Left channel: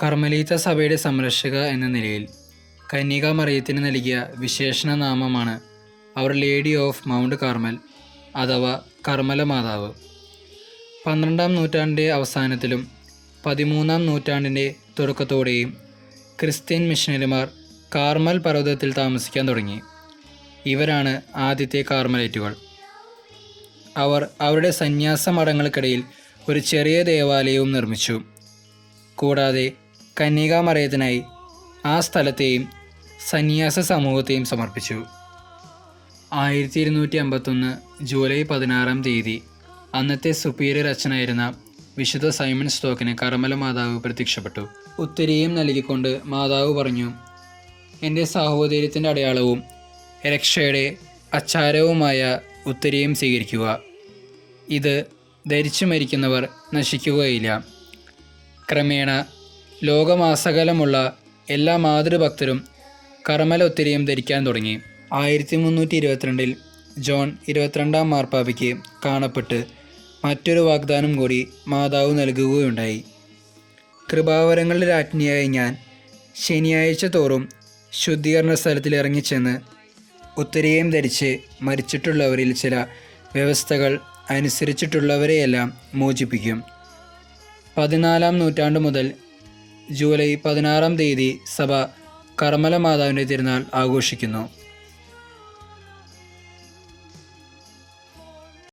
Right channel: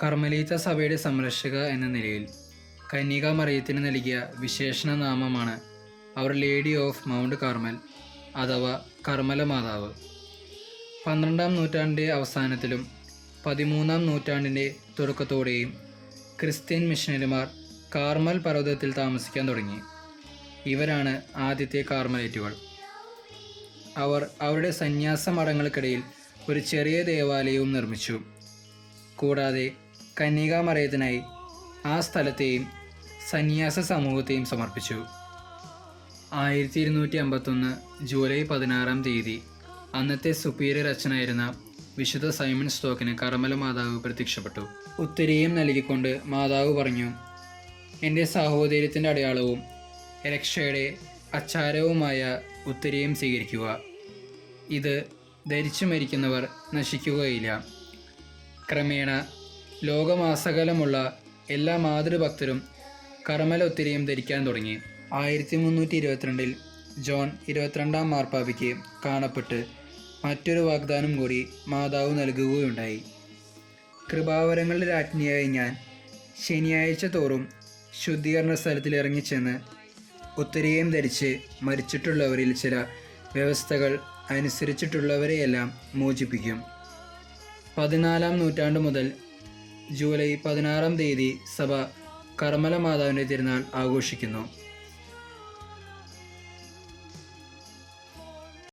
കർമ്മലീത്ത സഭയുടെ സംരക്ഷക എന്ന നിലയിൽ കന്യകാമറിയത്തിന് നൽകിയ വിശേഷണ നാമമാണ് അവർ ലേഡി ഓഫ് മൗണ്ട് കാർമൽ അഥവാ കർമ്മല മാതാവ്. 12-ാം നൂറ്റാണ്ടിൻ്റെ അവസാനത്തിലും 13-ാം നൂറ്റാണ്ടിൻ്റെ തുടക്കത്തോടെയും ക്രിസ്ത്യൻ മിഷനറിമാർ കാർമൽ പർവ്വതത്തിൽ താമസിക്കാൻ തുടങ്ങി. ഇവരാണ് ആദ്യത്തെ കാർമലൈറ്റുകൾ. അവർ അവരുടെ സന്യാസ മഠങ്ങൾക്കിടയിൽ ഒരു ചെറിയ ദേവാലയവും നിർമ്മിച്ചു. കൂടാതെ കന്യകാമറിയത്തിനായി ആ സ്ഥലത്തെയും സന്യാസ സമൂഹത്തെയും സമർപ്പിച്ചു. 1251 ജൂലൈ 16-ാം തീയതി അന്നത്തെ സുപ്പീരിയർ അച്ഛനായിരുന്ന വിശുദ്ധ സൈമൺ സ്റ്റോക്കിന് കർമ്മല മാതാവ് പ്രത്യക്ഷപ്പെട്ടു. ഉത്തരീയം നൽകിക്കൊണ്ട് മാതാവ് പറഞ്ഞു, എൻ്റെ സാഹോദര്യത്തിൻ്റെ അടയാളവും രക്ഷയുടെ അച്ചാരവുമായ ഉത്തരീയം സ്വീകരിക്കുക. ഇത് ധരിച്ചു മരിക്കുന്നവർ നശിക്കുകയില്ല. ക്രമേണ ലോകമാസകലമുള്ള എല്ലാ മാതൃഭക്തരും കർമ്മല ഉത്തരീയം ധരിക്കാൻ തുടങ്ങി. 1322 ജോൺ 22-ാം മാർപ്പാപ്പയ്ക്ക് കാണപ്പെട്ട് മറ്റൊരു വാഗ്ദാനം കൂടി മാതാവ് നൽകുകയുണ്ടായി. കൃപാവരങ്ങളുടെ രാജ്ഞിയായ ഞാൻ ശനിയാഴ്ച തോറും ശുദ്ധീകരണ സ്ഥലത്തിൽ ഇറങ്ങിച്ചെന്ന് ഉത്തരീയം ധരിച്ച് മരിച്ചിട്ടുള്ളവരിൽ ചില വ്യവസ്ഥകൾ അനുസരിച്ചിട്ടുള്ളവരെയെല്ലാം മോചിപ്പിക്കും. 14-ാം നൂറ്റാണ്ട് മുതൽ ജൂലൈ 16-ാം തീയതി സഭ കർമ്മല മാതാവിൻ്റെ തിരുനാൾ ആഘോഷിക്കുന്നു.